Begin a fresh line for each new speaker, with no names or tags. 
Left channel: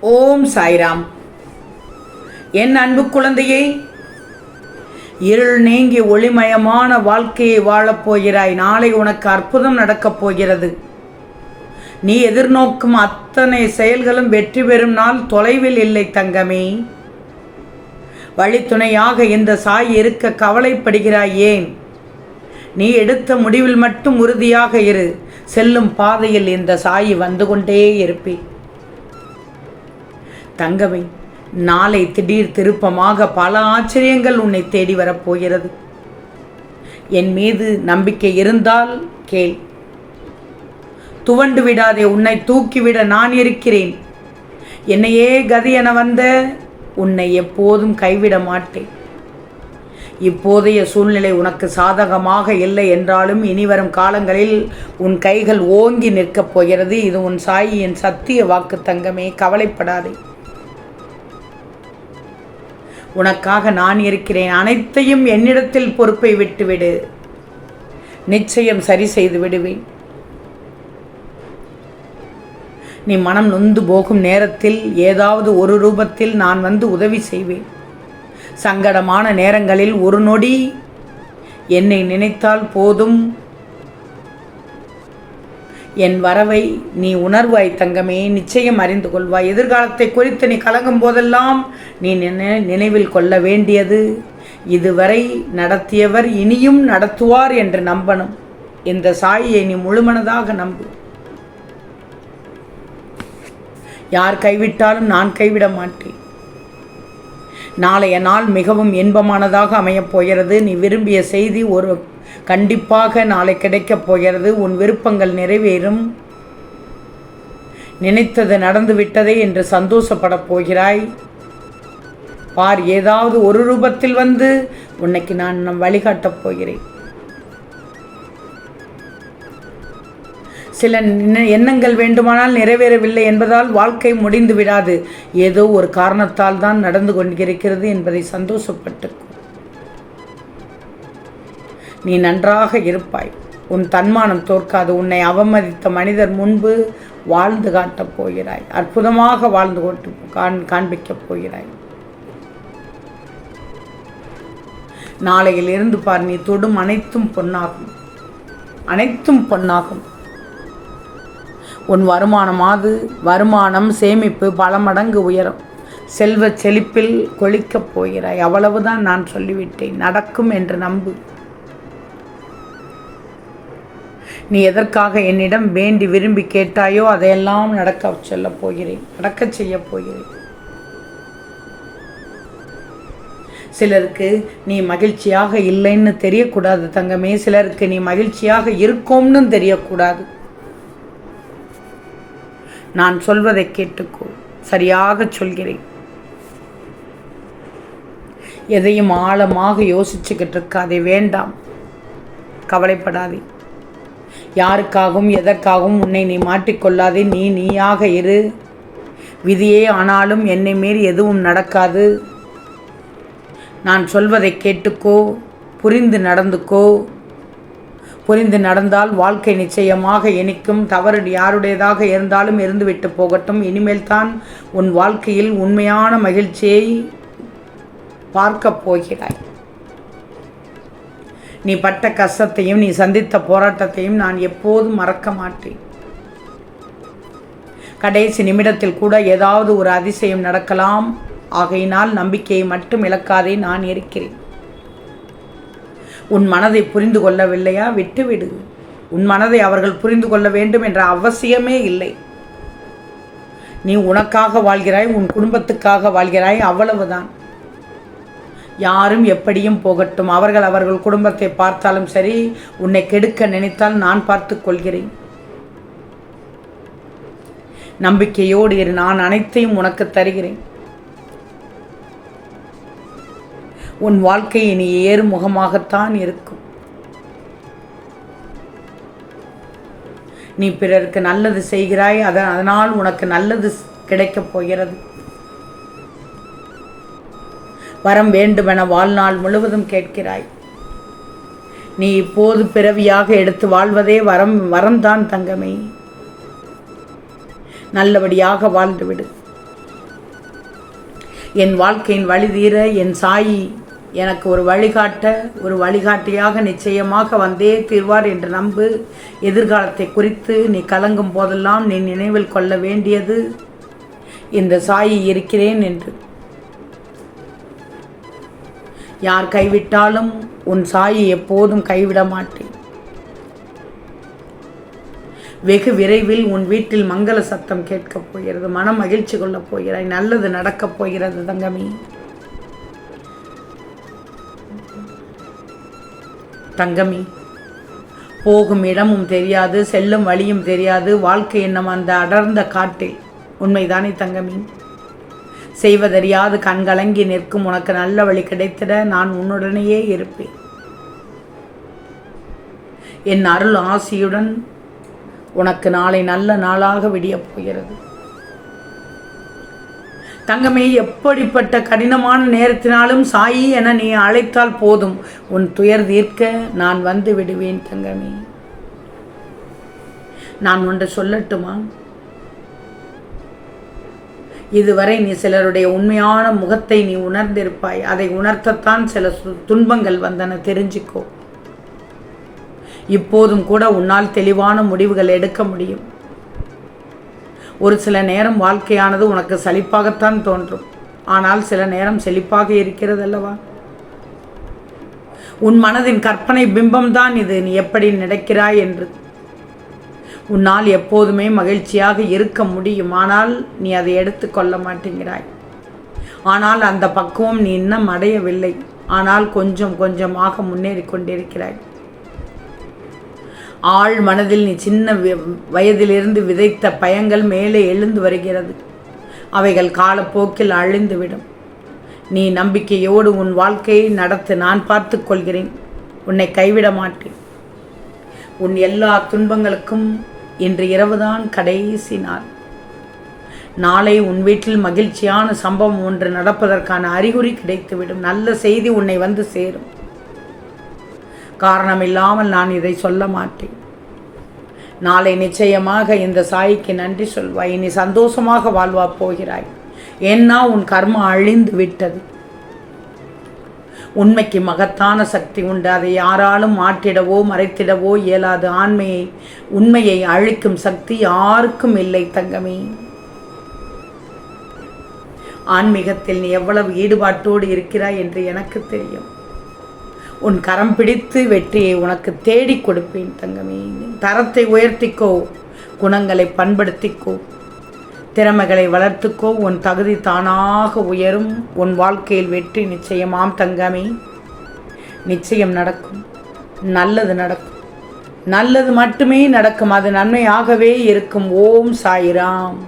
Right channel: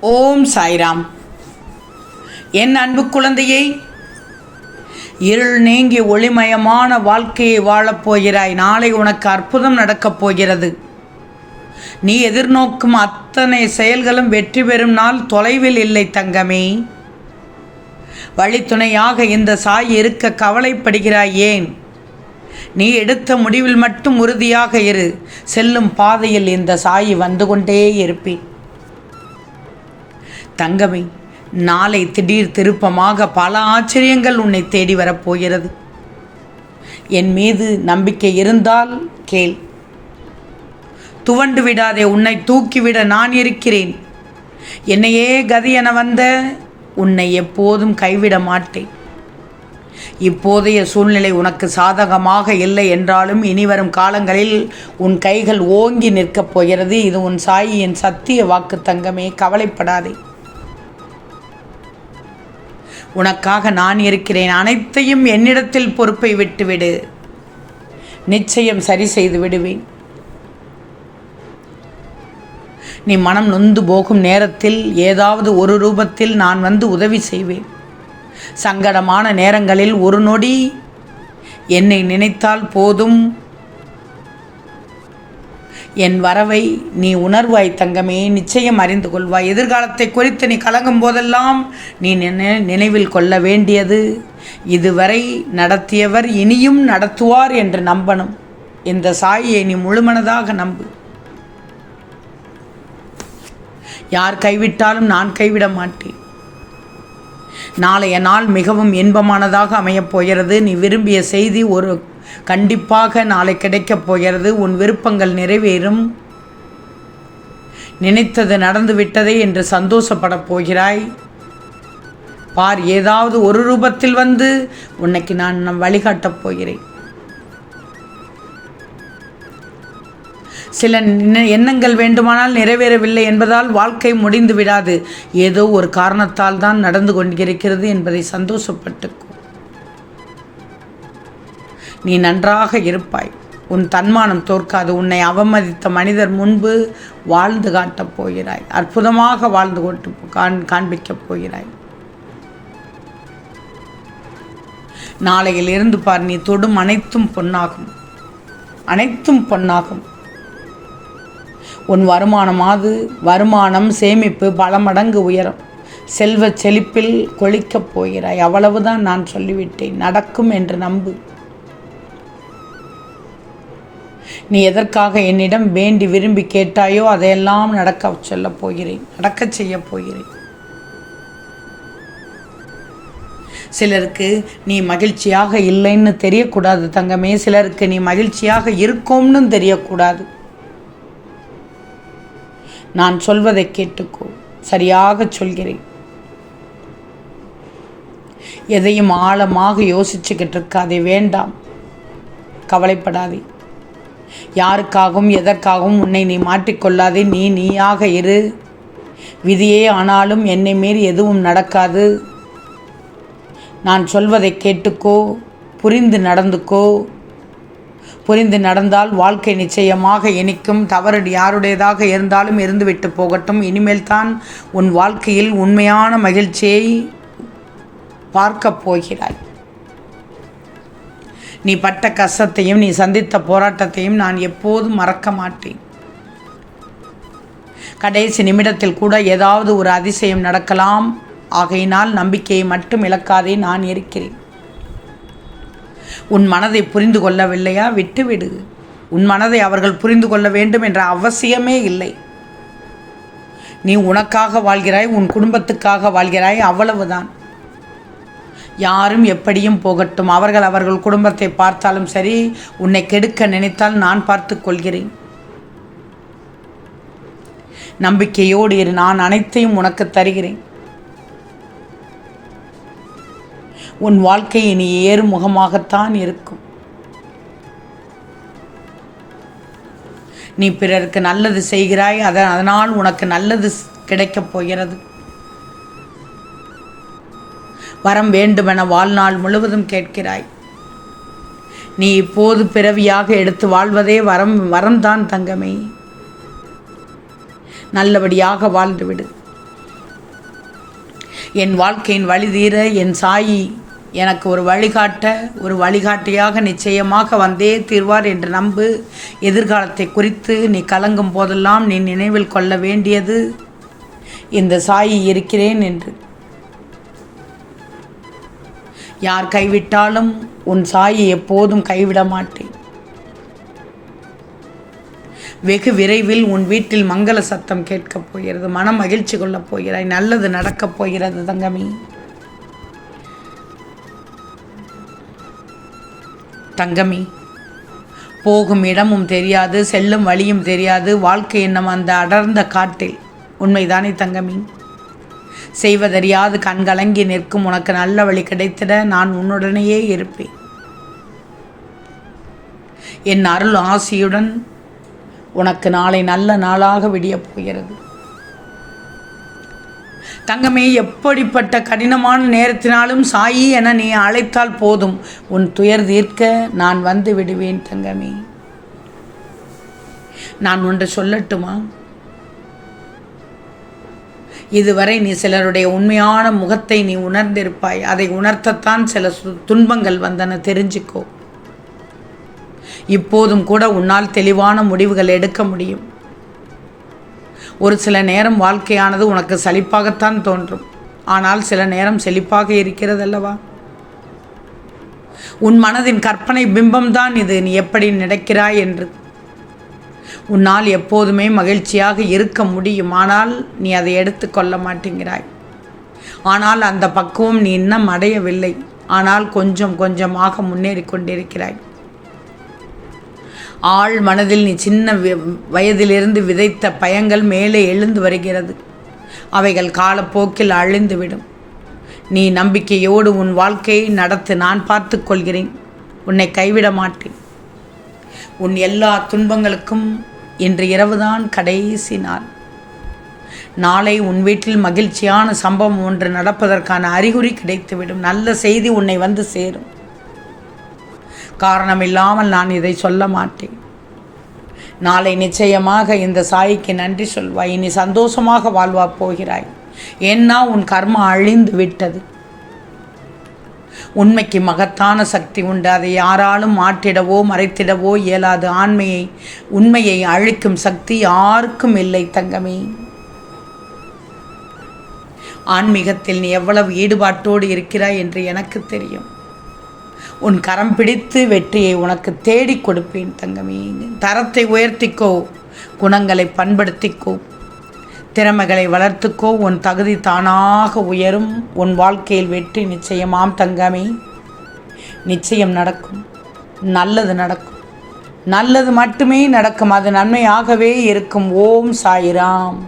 ஓம் சாய்ராம். என் அன்பு குழந்தையே இருள் நீங்கி ஒளிமயமான வாழ்க்கையை வாழப் போகிறாய். நாளை உனக்கு அற்புதம் நடக்கப் போகிறது. நீ எதிர்நோக்கும் அத்தனை செயல்களும் வெற்றி பெறும் நாள் தொலைவில் இல்லை தங்கமே. வழித்துணையாக இந்த சாய் இருக்க கவலைப்படுகிறாய் ஏன்? நீ எடுத்த முடிவில் மட்டும் உறுதியாக இரு. செல்லும் பாதையில் இந்த சாய் வந்து கொண்டே இருப்பேன். தங்கமே நாளை திடீர் திருப்பமாக பல ஆச்சரியங்கள் உன்னை தேடி வரப்போகிறது என் மீது நம்பிக்கை இருந்தால் கேள். துவண்டு விடாதே உன்னை தூக்கிவிட நான் இருக்கிறேன். என்னையே கதி என வந்த உன்னை எப்போதும் கைவிட மாட்டேன். இப்போதைய சூழ்நிலை உனக்கு சாதகமாக இல்லை என்றாலும் இனிவரும் காலங்களில் உன் கைகள் ஓங்கி நிற்கப் போகிறது. இது உன் சாயியின் சத்திய வாக்கு தங்கமே கவலைப்படாதே. உனக்காக நான் இருக்கிறேன். அனைத்தையும் என்னிடத்தில் பொறுப்பை விட்டுவிடு. நிச்சயம் சரி செய்து விடுவேன். நீ மனம் நொந்து போகும் நேரத்தில் ஏதாவது ஒரு ரூபத்தில் நான் வந்து உதவி செய்வேன். சங்கடமான நேரங்களில் ஒரு நொடி என்னை நினைத்தால் போதும். என் வரவை நீ உணர்வாய் தங்கமே நிச்சயம் அறிந்து கொள்வாய். எதிர்காலத்தை குறித்து நீ கலங்கும் போதெல்லாம் நீ நினை நினைவில் கொள்ள வேண்டியது. இதுவரை நடத்தியவர் இனியும் நடத்துவார் என்று நம்பணும். இந்த சாயை நீ முழுமனதாக நம்பு. யார் கைவிட்டாலும் நான் கைவிட மாட்டேன். நாளைய நாள் மிகவும் இன்பமானதாக அமையப் போகிறது. நீ விரும்பிய செய்தி ஒரு கண்டிப்பாக நாளை கிடைக்கப் போகிறது. உன் விருப்பங்கள் நிறைவேறும். நினைத்தது நடந்து விட்டதே என்று சந்தோஷப்படப் போகிறாய். பார் ஏதாவது ஒரு ரூபத்தில் வந்து உன்னைக்கு நான் வழிகாட்டப் போகிறேன். சில எண்ணங்கள் வேண்டுமானால் நிறைவேறவில்லை என்பதால் வாழ்க்கை முடிந்து விடாது ஏதோ ஒரு காரணத்தால் தான் நடந்து கொண்டிருக்கிறது என்பதை சந்தோஷப்பட்டு நீ நன்றாக இருப்பாய். உன் தன்மானம் தோற்காது. உன்னை அவமதித்த மனிதர் முன்பு வாழ்ந்து காட்டப் போகிறாய். அற்புதமாக வாழ்ந்து கொண்டு காண் காண்பிக்கப் போகிறாய். நாளையில் இருந்து பார் நீ தொடும் அனைத்தும் பொன்னாகும். அனைத்தும் பொன்னாகும். உன் வருமானமாவது வருமானம் சேமிப்பு பல மடங்கு உயரும். செல்வச் செழிப்பில் கொளிக்கப் போகிறாய். அவ்வளவுதான் நான் சொல்லிவிட்டேன். நடக்கும் என்று நம்பு. நீ எதற்காக என்னிடம் வேண்டி விரும்பி கேட்டாயோ அதையெல்லாம் நடக்க சொல்லப் போகிறேன் நடக்கச் செய்யப் போகிறேன். சிலருக்கு நீ மகிழ்ச்சியாக இல்லைன்னு தெரியக்கூடாது தங்கமே சிலருக்கு நீ மகிழ்ச்சியாக இருக்கோம்னு தெரியக்கூடாது. நான் சொல்வதை கேட்டுக்கோ சரியாக சொல்கிறேன். எதையும் ஆழமாக யோசிச்சுக்கிட்டு இருக்காதே வேண்டாம். கவலைப்படாதே. யாருக்காகவும் எதற்காகவும் உன்னை நீ மாட்டிக்கொள்ளாதே நீ நீயாக இரு. விதியே ஆனாலும் என்னை மீறி எதுவும் நடக்காது. நான் சொல்வதை கேட்டுக்கோ புரிந்து நடந்துக்கோ. புரிந்து நடந்தால் வாழ்க்கை நிச்சயமாக இனிக்கும். தவறு யாருடையதாக இருந்தாலும் இருந்துவிட்டு போகட்டும். இனிமேல் தான் உன் வாழ்க்கையில் உண்மையான மகிழ்ச்சியை பார்க்கப் போகிறாய். நீ பட்ட கஷ்டத்தையும் நீ சந்தித்த போராட்டத்தையும் நான் எப்போதும் மறக்க மாட்டேன். கடைசி நிமிடத்தில் கூட ஏதாவது ஒரு அதிசயம் நடக்கலாம். ஆகையினால் நம்பிக்கையை மட்டும் இழக்காதே நான் இருக்கிறேன். உன் மனதை புரிந்து கொள்ளவில்லையா? விட்டுவிடு. உன் மனதை அவர்கள் புரிந்து கொள்ள வேண்டும் என்ற அவசியமே இல்லை. நீ உனக்காக வாழ்கிறாய் உன் குடும்பத்துக்காக வாழ்கிறாய் அவ்வளவுதான். யாரும் எப்படியும் போகட்டும். அவர்கள் அவர்கள் குடும்பத்தை பார்த்தாலும் சரி உன்னை கெடுக்க நினைத்தால் நான் பார்த்து கொள்கிறேன். நம்பிக்கையோடு இரு நான் அனைத்தையும் உனக்கு தருகிறேன். உன் வாழ்க்கை இனி ஏறுமுகமாகத்தான் இருக்கும். நீ பிறருக்கு நல்லது செய்கிறாய் அதனால் உனக்கு நல்லது கிடைக்கப் போகிறது. வரம் வேண்டுமென வாழ்நாள் முழுவதும் கேட்கிறாய். நீ இப்போது பிறவியாக எடுத்து வாழ்வதே வரம் வரம்தான் தங்கமே. நல்லபடியாக வாழ்ந்துவிடு. என் வாழ்க்கையின் வழி தீர என் சாயி எனக்கு ஒரு வழிகாட்ட ஒரு வழிகாட்டியாக நிச்சயமாக வந்தே தீர்வார் என்று நம்பு. எதிர்காலத்தை குறித்து நீ கலங்கும் போதெல்லாம் நீ நினைவில் கொள்ள வேண்டியது. இந்த சாயி இருக்கிறேன் என்று. யார் கைவிட்டாலும் உன் சாயை எப்போதும் கைவிட மாட்டேன். வெகு விரைவில் உன் வீட்டில் மங்கள சத்தம் கேட்கப் போகிறது மன மகிழ்ச்சி கொள்ளப் போகிறாய் நல்லது நடக்கப் போகிறது தங்கமி. தங்கமி போகும் இடமும் தெரியாது செல்லும் வழியும் தெரியாது வாழ்க்கை என்னும் அந்த அடர்ந்த காட்டில். உண்மைதானே தங்கமி? செய்வதறியாது கண்கலங்கி நிற்கும். உனக்கு நல்ல வழி கிடைத்திட நான் உன்னுடனேயே இருப்பேன். என் அருள் ஆசியுடன் உனக்கு நாளை நல்ல நாளாக விடியப் போகிறது. தங்கமே எப்படிப்பட்ட கடினமான நேரத்தினாலும் சாயி என நீ அழைத்தால் போதும். உன் துயர் தீர்க்க நான் வந்து விடுவேன் தங்கமே. நான் ஒன்று சொல்லட்டுமா? இதுவரை நீ சிலருடைய உண்மையான முகத்தை நீ உணர்ந்திருப்பாய். அதை உணர்த்தத்தான் சில சு- துன்பங்கள் வந்தன. தெரிஞ்சுக்கோ. இப்போதும் கூட உன்னால் தெளிவான முடிவுகள் எடுக்க முடியும். ஒரு சில நேரம் வாழ்க்கையானது உனக்கு சலிப்பாகத்தான் தோன்றும். ஆனால் சில நேரம் செழிப்பாக இருக்கிறதல்லவா? உன் மனதின் கற்பனை பிம்பம்தான் இது. நீ எப்படி நினைக்கிறாய் என்று உன்னால் எப்போதுமே மகிழ்ச்சியாக இருக்க முடியும் ஆனால் நீ அதை எடுத்துக்கொள்ள மாட்டேங்கிறாய். ஆனால் அந்த பக்குவம் நீ இன்னும் அடையவில்லை. ஆனால் கொஞ்சம் கொஞ்சமாக முன்னேறி கொண்டிருக்கிறாய். ஆள் மனதில் நீ சின்ன வயதிலிருந்து விதைத்த பயங்கள் மேலே எழுந்து வருகிறது. அவைகள் காலப்போக்கில் அழிந்துவிடும். நீ நம்பிக்கையோடு உன் வாழ்க்கையை நடத்து நான் பார்த்து கொள்கிறேன். உன்னை கைவிட மாட்டேன். உன் எல்லா துன்பங்களுக்கும் இன்று இரவுதான் கடைசி நாள். நாளை உன் வீட்டில் மகிழ்ச்சியான சம்பவம் ஒன்று நடப்பதற்கான அறிகுறி கிடைத்துவிடும். நல்ல செய்தி உன்னை வந்து சேரும். காரணமில்லாமல் நான் இதை சொல்ல மாட்டேன். நாளை நிச்சயமாக இந்த சாய்க்கு நன்றி சொல்வாய். நீ சந்தோஷமாக வாழ்வா போகிறாய். ஏன்னா உன் கர்மம் அழிந்து விட்டது உண்மைக்கு மகத்தான சக்தி உண்டு. அதை யாராலும் மாற்றிடவோ மறைத்திடவோ இயலாது. ஆண்மையை உண்மையை அழிக்கும் சக்தி யாருக்கும் இல்லை தங்கமே. ஆன்மீகத்தில் நீ எவ்வளவு ஈடுபாட்டோடு இருக்கிறாய் என்று எனக்கு தெரியும். உன் கரம் பிடித்து வெற்றியை உனக்கு தேடி கொடுப்பேன் தங்கமே. தரத்தை உயர்த்திக்கோ குணங்களை பண்படுத்திக்கோ. திறமைகளை வளர்த்துக்கோ உன் தகுதி தானாக உயரும். உன் வாழ்க்கையில் வெற்றி நிச்சயமாம் தங்கமே. நிச்சயம் நடக்கும். நல்லது நடக்கும். நல்லது மட்டுமே நடக்கும். அது நன்மையாகவே இருக்கும். ஓம் சாயிராம்.